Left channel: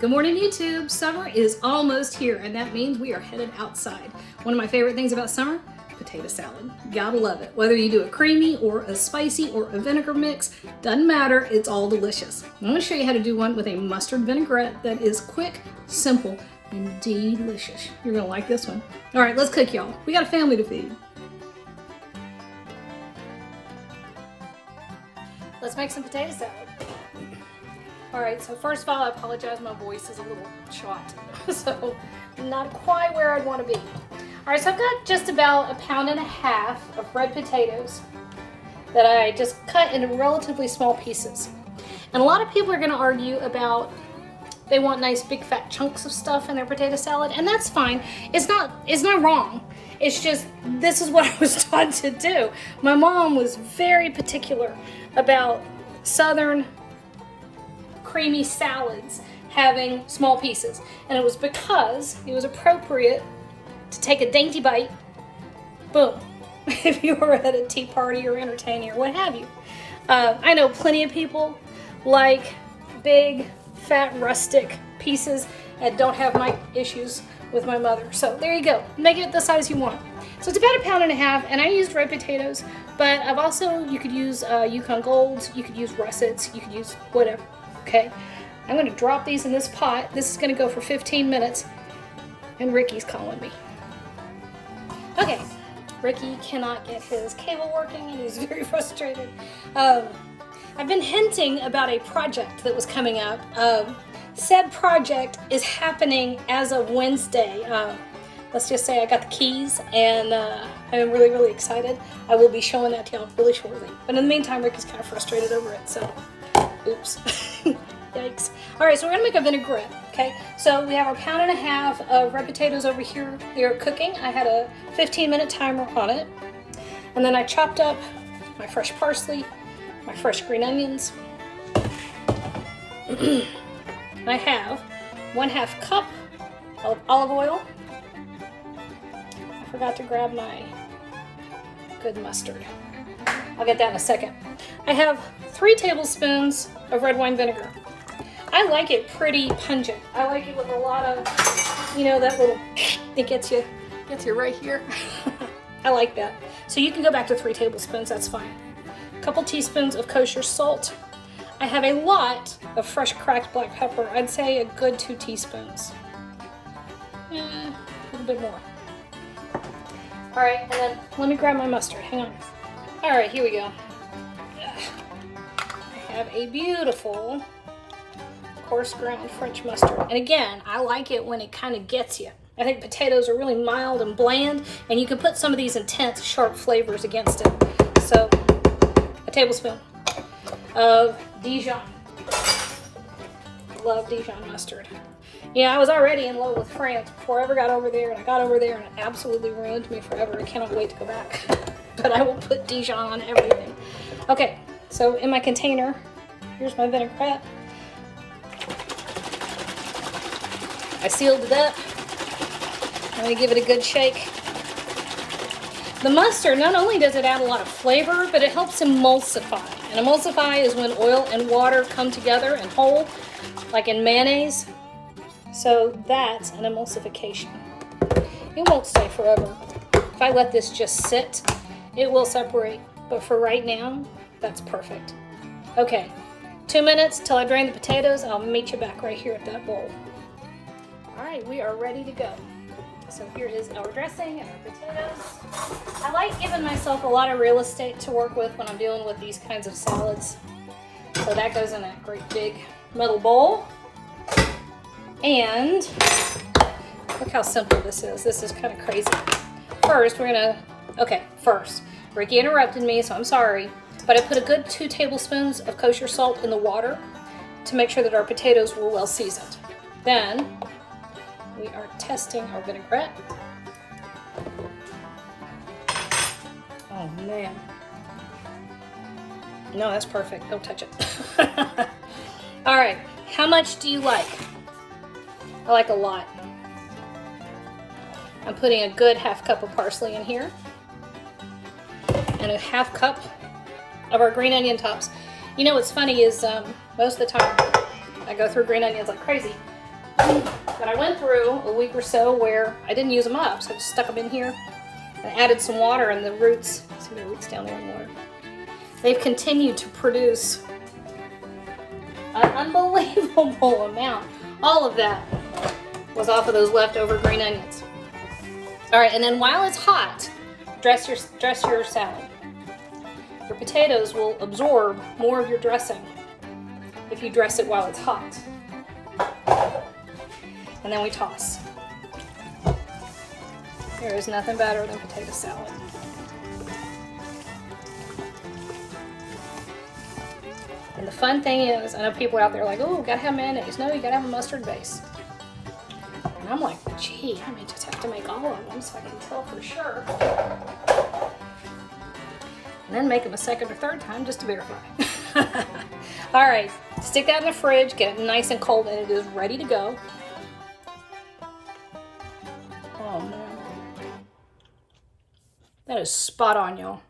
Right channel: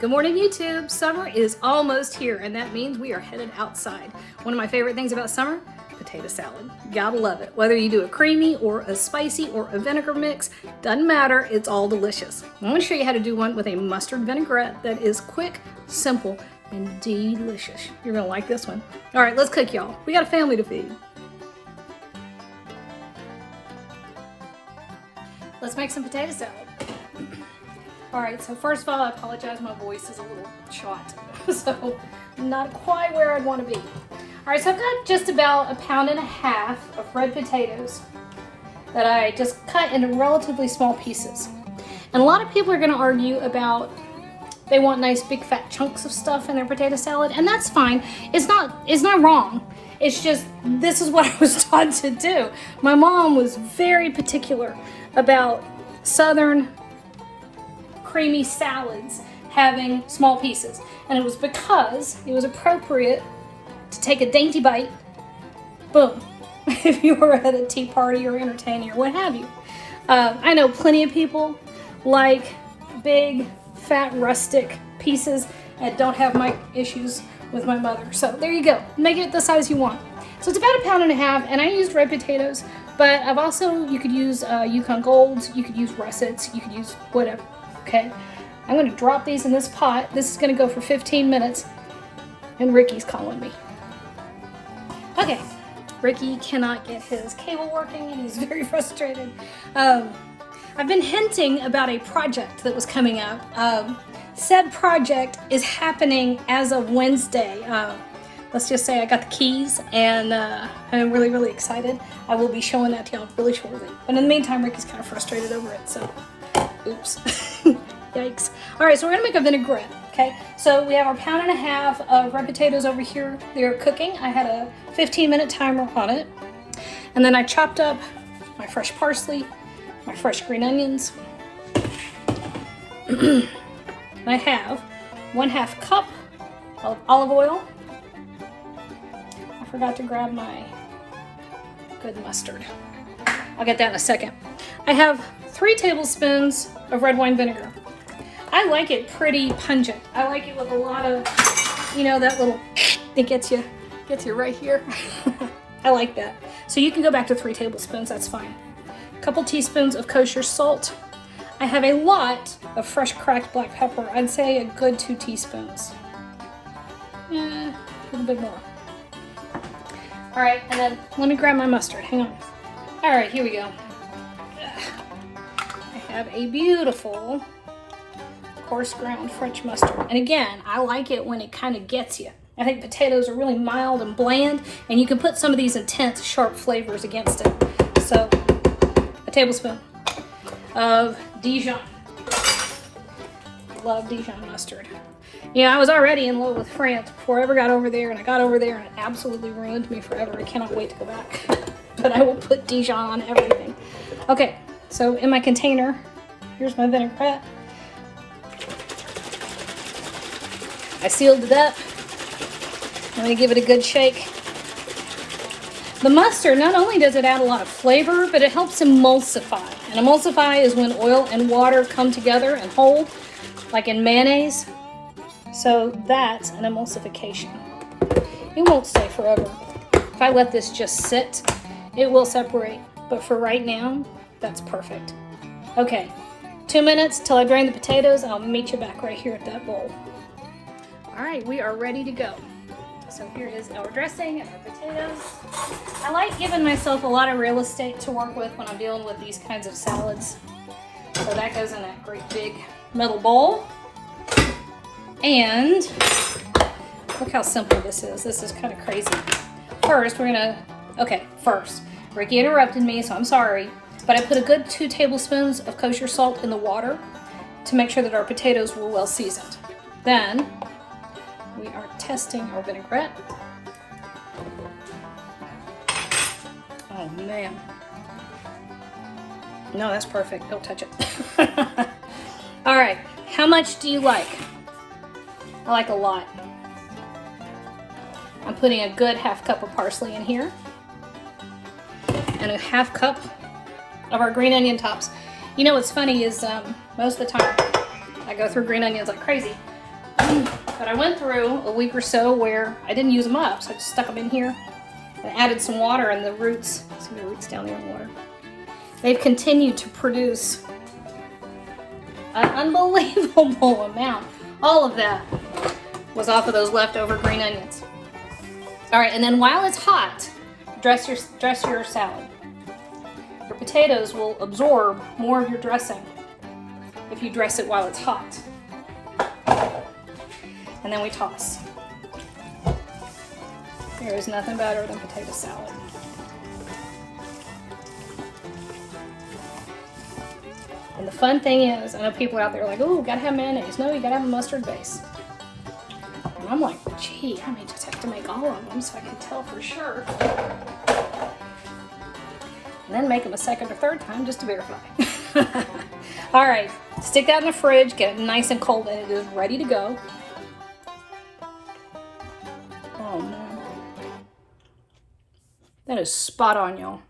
Good morning, YouTube. Summer is almost here, and that means we are headed outside. One of my favorite things about summer, potato salad. Gotta love it. Whether you do a creamy or a spicy or a vinegar mix, doesn't matter, it's all delicious. I'm gonna show you how to do one with a mustard vinaigrette that is quick, simple, and delicious. You're gonna like this one. All right, let's cook, y'all. We got a family to feed. Let's make some potato salad. All right, so first of all, I apologize, my voice is a little shot, so not quite where I'd want to be. All right, so I've got just about 1.5 pounds of red potatoes that I just cut into relatively small pieces. And a lot of people are gonna argue about they want nice big fat chunks of stuff in their potato salad, and that's fine. It's not wrong. It's just, this is what I was taught to do. My mom was very particular about Southern creamy salads having small pieces, and it was because it was appropriate to take a dainty bite, boom, if you were at a tea party or entertaining or what have you. I know plenty of people like big, fat, rustic pieces and don't have my issues with my mother. So there you go, make it the size you want. So it's about 1.5 pounds, and I used red potatoes, but I've also, you could use Yukon Golds, you could use russets, you could use whatever. Okay, I'm going to drop these in this pot. This is going to go for 15 minutes, and Ricky's calling me. Okay, Ricky cannot get his cable working, and he's very frustrated. I've been hinting about a project that was coming up. Said project is happening as of Wednesday. Let's just say I got the keys, and I'm really, really excited. I will be showing that to y'all really shortly. But in the meantime, Ricky's kind of frustrated over it, so oops. Yikes. All right, so we're gonna make a vinaigrette, okay? So we have our 1.5 pounds of red potatoes over here. They're cooking. I had a 15-minute timer on it. And then I chopped up my fresh parsley, my fresh green onions. I have 1/2 cup of olive oil. I forgot to grab my good mustard. I'll get that in a second. I have 3 tablespoons of red wine vinegar. I like it pretty pungent. I like it with a lot of, you know, that little, it gets you right here. I like that. So you can go back to 3 tablespoons, that's fine. A couple teaspoons of kosher salt. I have a lot of fresh cracked black pepper. I'd say a good 2 teaspoons. Yeah, a little bit more. All right, and then let me grab my mustard, hang on. All right, here we go. I have a beautiful coarse ground French mustard. And again, I like it when it kind of gets you. I think potatoes are really mild and bland, and you can put some of these intense, sharp flavors against it. So, a tablespoon of Dijon. Love Dijon mustard. Yeah, I was already in love with France before I ever got over there, and I got over there and it absolutely ruined me forever. I cannot wait to go back. But I will put Dijon on everything. Okay, so in my container, here's my vinaigrette. I sealed it up. I'm gonna give it a good shake. The mustard, not only does it add a lot of flavor, but it helps emulsify. And emulsify is when oil and water come together and hold, like in mayonnaise. So that's an emulsification. It won't stay forever. If I let this just sit, it will separate. But for right now, that's perfect. Okay, 2 minutes till I drain the potatoes, and I'll meet you back right here at that bowl. All right, we are ready to go. So here is our dressing and our potatoes. I like giving myself a lot of real estate to work with when I'm dealing with these kinds of salads. So that goes in that great big metal bowl. And look how simple this is. This is kind of crazy. First, first, Ricky interrupted me, so I'm sorry. But I put a good 2 tablespoons of kosher salt in the water to make sure that our potatoes were well seasoned. Then, we are testing our vinaigrette. Oh man. No, that's perfect. Don't touch it. All right, how much do you like? I like a lot. I'm putting a good 1/2 cup of parsley in here. And a 1/2 cup of our green onion tops. You know what's funny is most of the time I go through green onions like crazy. But I went through a week or so where I didn't use them up, so I just stuck them in here and added some water, and the roots, some of the roots down there in water, they've continued to produce an unbelievable amount. All of that was off of those leftover green onions. All right, and then while it's hot, dress your salad. Your potatoes will absorb more of your dressing if you dress it while it's hot. And then we toss. There is nothing better than potato salad. And the fun thing is, I know people out there like, oh, gotta have mayonnaise. No, you gotta have a mustard base. And I'm like, gee, I may just have to make all of them so I can tell for sure. And then make them a second or third time just to verify. All right, stick that in the fridge, get it nice and cold, and it is ready to go. Oh man, that is spot on, y'all.